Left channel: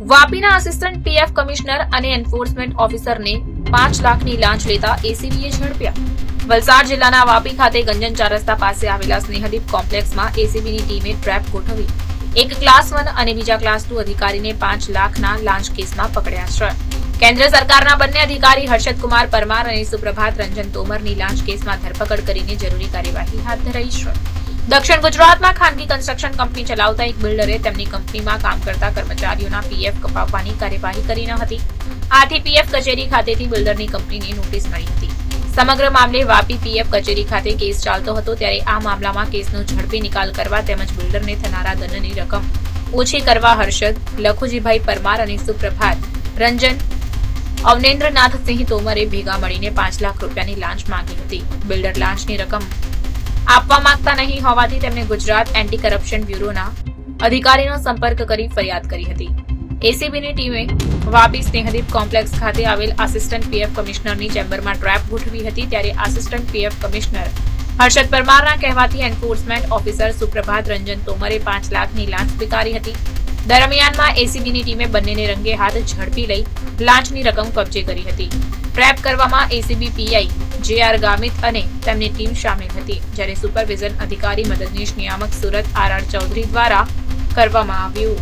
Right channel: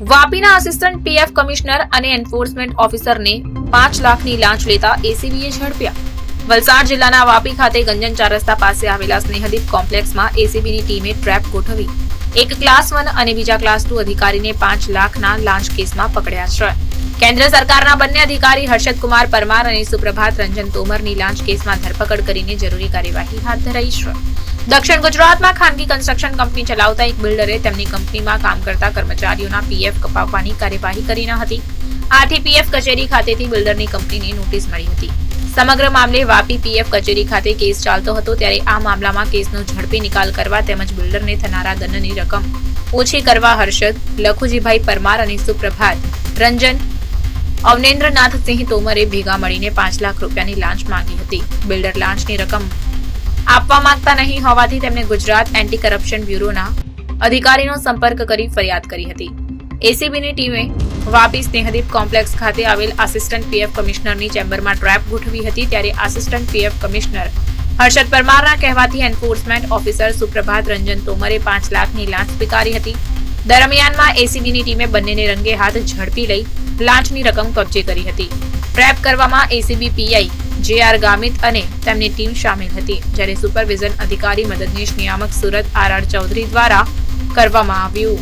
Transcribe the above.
વાપીના assistant PF commissioner અને enforcement ઓફિસરને 5 લાખની લાંચ લેતા એસીબીએ ઝડપ્યા. વલસાડ જિલ્લાના વાપી ખાતે ગંજન 4 રસ્તા પાસે આવેલા સ્નેહદીપ કોમ્પ્લેક્સમાં એસીબીની ટીમે ટ્રેપ ગોઠવી એક ક્લાસ 1 અને બીજા ક્લાસ 2 અધિકારીને 5 લાખના લાંચ કેસમાં પકડ્યા છે. કેન્દ્ર સરકારના બંને અધિકારી હર્ષદકુમાર પરમાર અને સુપ્રભાત રંજન તોમરની લાંચ કેસમાં ધરપકડ કરીને જરૂરી કાર્યવાહી હાથ ધરાઈ છે. દક્ષિણ ગુજરાતમાં ખાનગી કન્સ્ટ્રક્શન કંપની ચલાવતા એક બિલ્ડરે તેમની કંપનીમાં કામ કરતા કર્મચારીઓના પીએફ કપાવવાની કાર્યવાહી કરી ન હતી. આથી પીએફ કચેરી ખાતેથી બિલ્ડરની કંપનીને નોટિસ મળી હતી. સમગ્ર મામલે વાપી પીએફ કચેરી ખાતે કેસ ચાલતો હતો ત્યારે આ મામલામાં કેસનો ઝડપી નિકાલ કરવા તેમજ બિલ્ડરને થનારા દંડની રકમ ઓછી કરવા હર્ષદ, લખુજીભાઈ પરમાર અને સુપ્રભાત રંજન અવનેન્દ્રનાથસિંહ તોમરે ભેગા મળીને 5 લાખ રૂપિયાની લાંચ માંગી હતી. બિલ્ડર લાંચની રકમ આપવા માંગતા નહીં હોવાથી તેમણે ગુજરાત એન્ટી કરપ્શન બ્યુરોના અધિકારીનો સંપર્ક કરી ફરિયાદ કરી હતી. એસીબીની ટીમે વાપી સ્નેહદીપ કોમ્પ્લેક્સ ખાતે આવેલ આસિસ્ટન્ટ પીએફ કમિશનરની ચેમ્બરમાં ટ્રેપ ગોઠવી હતી ત્યારે આસિસ્ટન્ટ પીએફ કમિશનર હર્ષદ પરમારના કહેવાથી એન્ફોર્સમેન્ટ ઓફિસર સુપ્રભાત રંજન તોમરે 5 લાખની લાંચ સ્વીકારી હતી. દરમિયાનમાં એસીબીની ટીમે બંનેને રંગે હાથ ઝડપી લઈ લાંચની રકમ કબજે કરી હતી. ટ્રેપ કરવામાં એસીબી પીઆઈ જે.આર. ગામિત અને તેમની ટીમ શામેલ હતી, જ્યારે સુપરવિઝન અધિકારી મદદનીશ નિયામક સુરત આર.આર. ચૌધરી દ્વારા કરવામાં આવ્યું.